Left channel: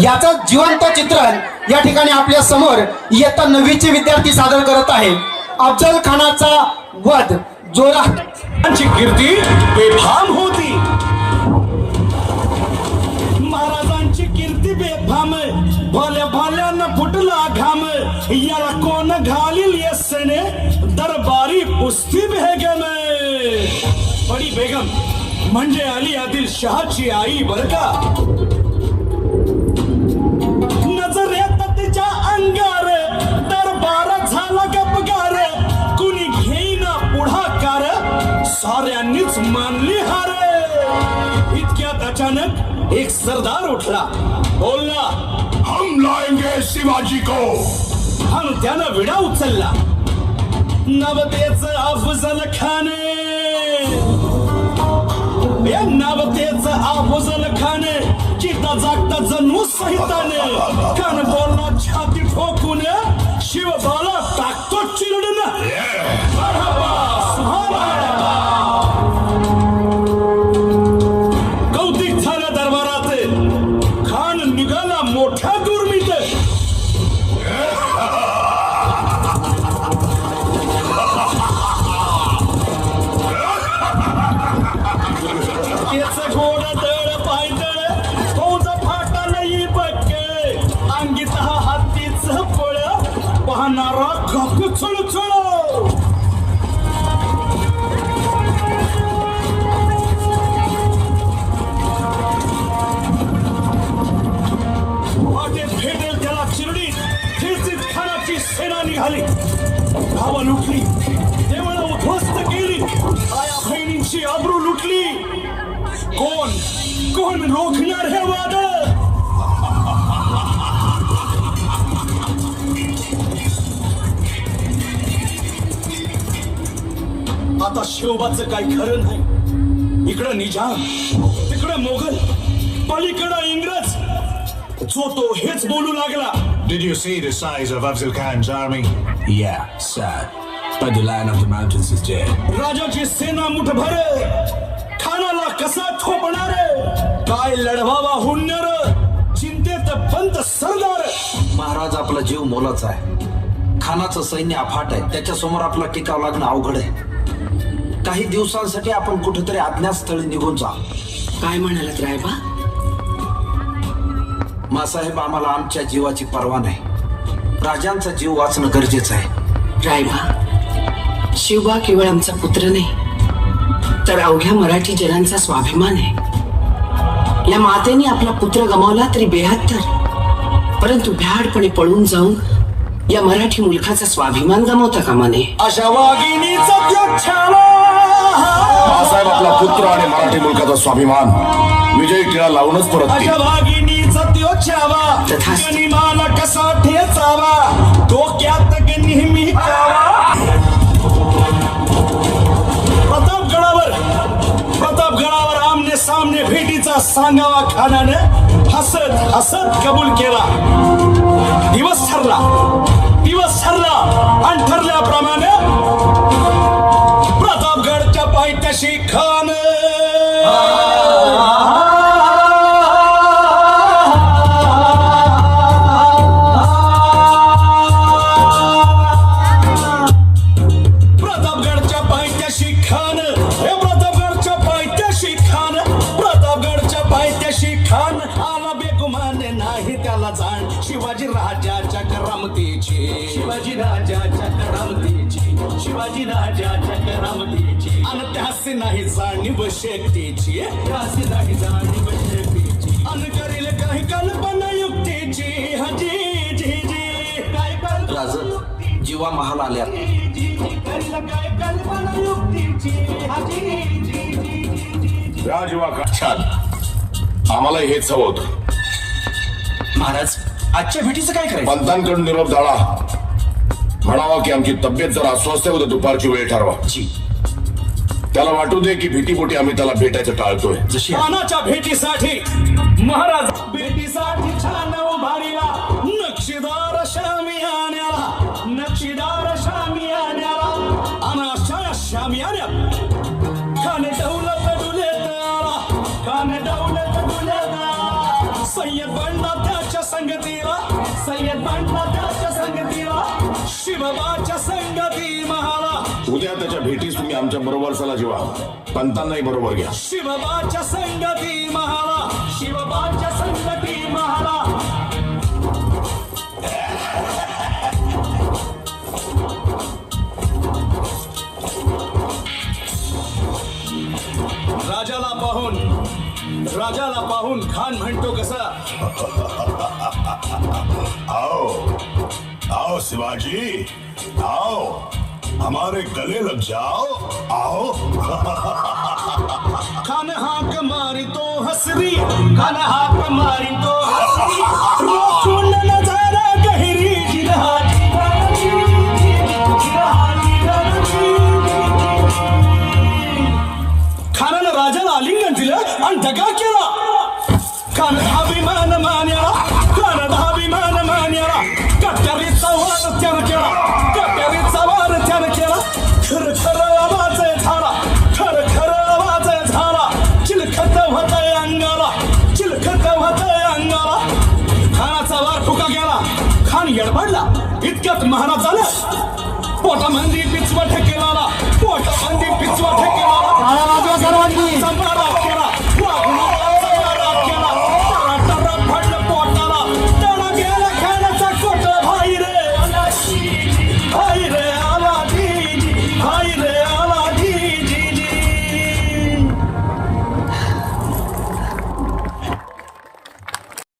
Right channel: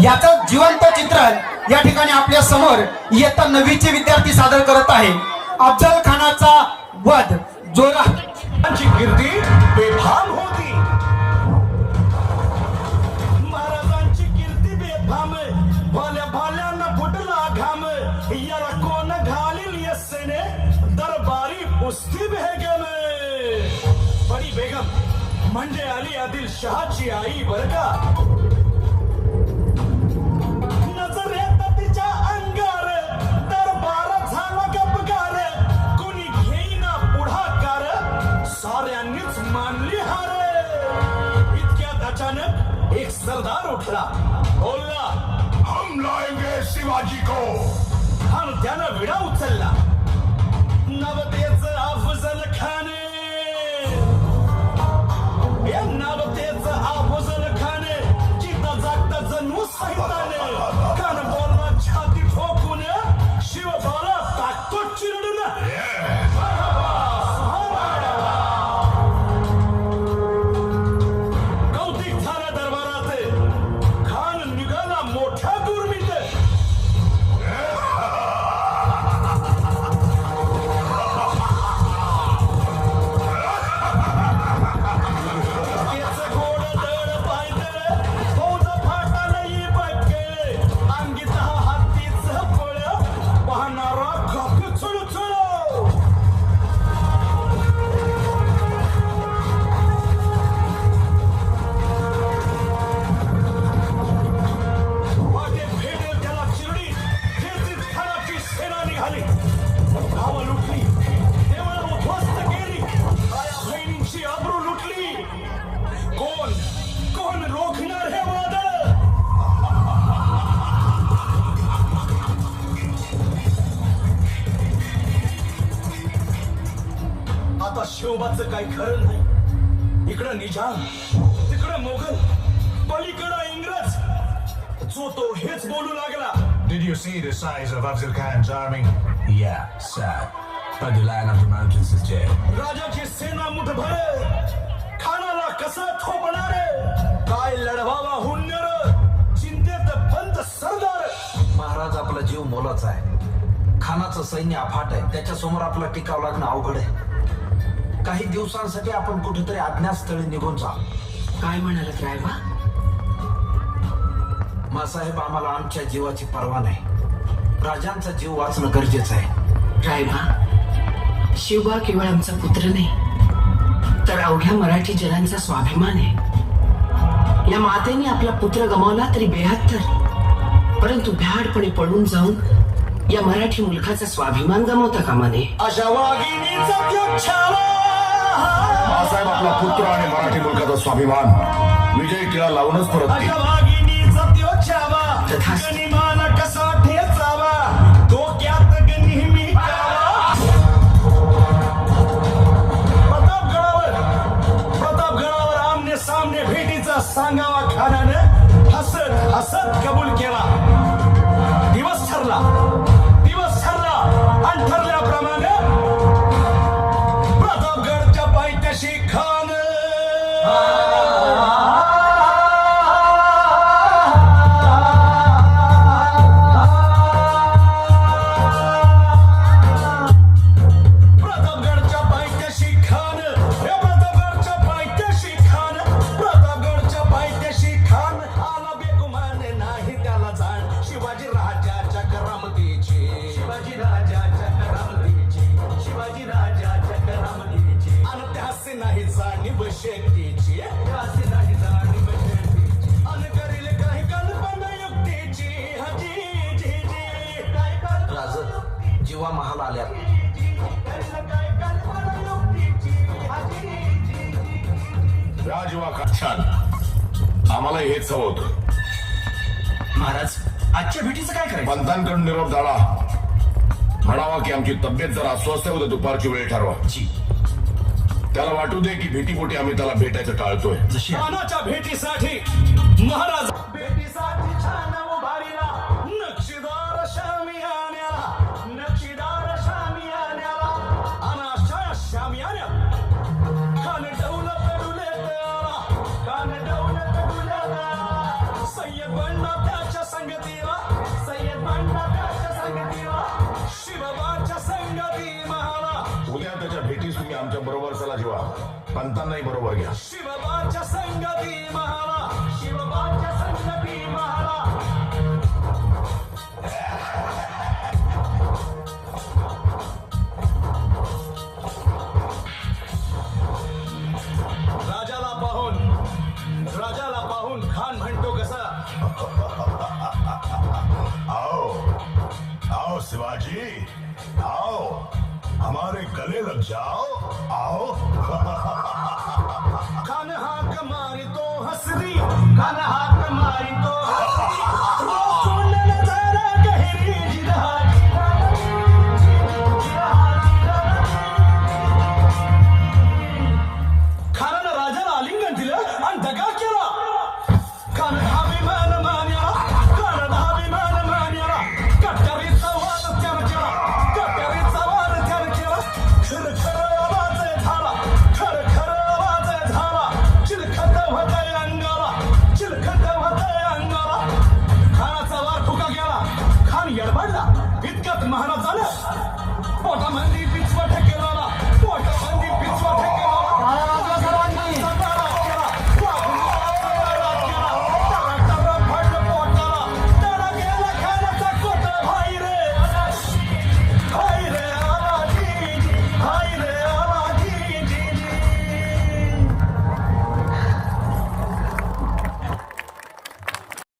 याचं जिवंत चित्रण या ठिकाणी आपल्या समोर इयत्ता 9वीचे विद्यार्थी सादर करत आहे. अफजल खानाचा वध जोराची कीर्ती बेफाम होती. महाराजांची कीर्ती बेफाम, भल्या भल्यानं फुटला घाम. याला कोण घालील येसने, दरबारी पुस्ती बेगम. बडी बेगम म्हणजे अली आदिल शहाची आई बर का. नजरेत तिच्या अंगार दरबार झाला गपगार. कुणी घेईना पुढाकार, साऱ्यांनीच मानली हार. इतक्यात अचानक एक सरदार उठला, बोलला, हम लाएंगे शिवाजी को. आणि त्यानं विडा उचलला. नवतेच अफजल खान, नवतेच अफजल खान. चिता जागता जणू सहिताने, कान बोलला छाती ठोकून, शिवबाला टाकतो चिरडून. कौतिक झालं दरबारात. खान निघाला मोठ्या दुर्मित. आबरू लुटली. कोण रोखणार हे वाद. आता शिवबाचं काही खरं नाही. इकडं निजाम, तिकडं मोगल, पलीकडं इंग्रज. जो तो हेच बोलू लागला. Did you see the size of Afzal Khan's army? Yeah, sir. But the Lion of the Mountains is dead. राजाची सेना मुठभर, खानाला कसा थोपणार. काय लढवावा हुन्नर, चिंतेत पंत सरदार. महाराज आपला जीव मोलाचा आहे. खानाचं सैन्य अफाट आहे. त्याच्या समोर आपला टिकाव लागणं अवघड आहे. काही दिवसांसाठी आपण कुठेतरी अज्ञातस्थळी निघून जा. काय म्हणालात रायबा? मासाहेब, आम्हाला आमच्या जीवाची पर्वा नाही. राजांचा जीव वाचणं गरजेचं आहे. रायबा, शिवबा केवळ आमचा पुत्र नाही, तर अवघ्या मराठी जनांचा स्वाभिमान आहे. या मातेने आपला पुत्र गमावला तरी 72, परंतु भ्याडपणे पळून जाऊन या मराठी मुलखाचा स्वाभिमान गमावता कामा नये. अशा वाघिणीचा त्यो छावा. बाळासाहेब आपला पुत्र आणि मराठी मुलकाचा स्वाभिमान विजय टिळा लावूनच परत अशा वाघिणीचा त्यो छावा. तथास्तु. गनिमाला कसा ठेचावा, डोक्यात नेहमी कावा. प्रतापगडावर आमने सामने भेटीचा सांगावा खानाने हसत हसत कबूल केला. दिवस ठरला आणि ठरल्याप्रमाणे प्रतापगडच्या पायथ्याशी खान. शिवाजी राजाच्या करामतीची आणि त्यासी नाही जाणीव शेतीची. त्यासी नाही जाणीव शेतीची आणि करेल काही कल्पना युक्तीची. हजी जी जी काय कर राज, जीवा महाल आल्या. करेल काय कल्पना युक्तीची. हजी जी राजवा छान. आम्हाला हेच हवं होतं. महाराज, आजच्या भेटीचं काय करायचं? पंतांकडून निरोप झाला. म्हणावा की आमची तब्येत जरा अस्वस्थ आहे, उद्या दुपारची वेळ ठरवा. त्याला वाटू दे की भीतीपोटी आम्ही त्याला भेटायचं टाळतोय. खानाच्या भेटीसाठी महाराज भेटीसाठी छान उभारीला. नक्षीदार शामियान्याला, नक्षीदार शामियान्याला. आणि अशा शामियान्यात खान डौलत डुलेत आला. खान डौलत डुलेत आला. सय्यद बंडा त्याच्या संगतीला सय्यद बांधला त्याच्या संगतीला शिवबाच्या संगती महाला उद्या त्याच्या भेटीस तुम्ही आमच्या बरोबर चला जीवा पंतांनाही बरोबर घ्या शिवबाच्या संगती महाला शिवबाच्या संगती महाला राजाला पाहून खान म्हणतो कसा आओ आओ शिवाजी आओ हमारे गले लग जाओ आओ खान हाक मारी तो हसरी खान हाक मारी तो हसरी रोखून नजारा गहिरी जिरहाची खानानं राजाला आलिंगन दिलं आणि दगा केला खान अभिमान मान्याला खान अभिमान मान्याला कट्यारीचा वार त्यानं केला कट्यारीचा वार त्यानं केला खर खर आवाज झाला खर खर आवाज झाला चिलखत होतय अंगाला चिलखत होतय अंगाला खानाचा वार फुका गेला खान येडबडला इतक्यात महाराज झाला पोटामंदी पिचवट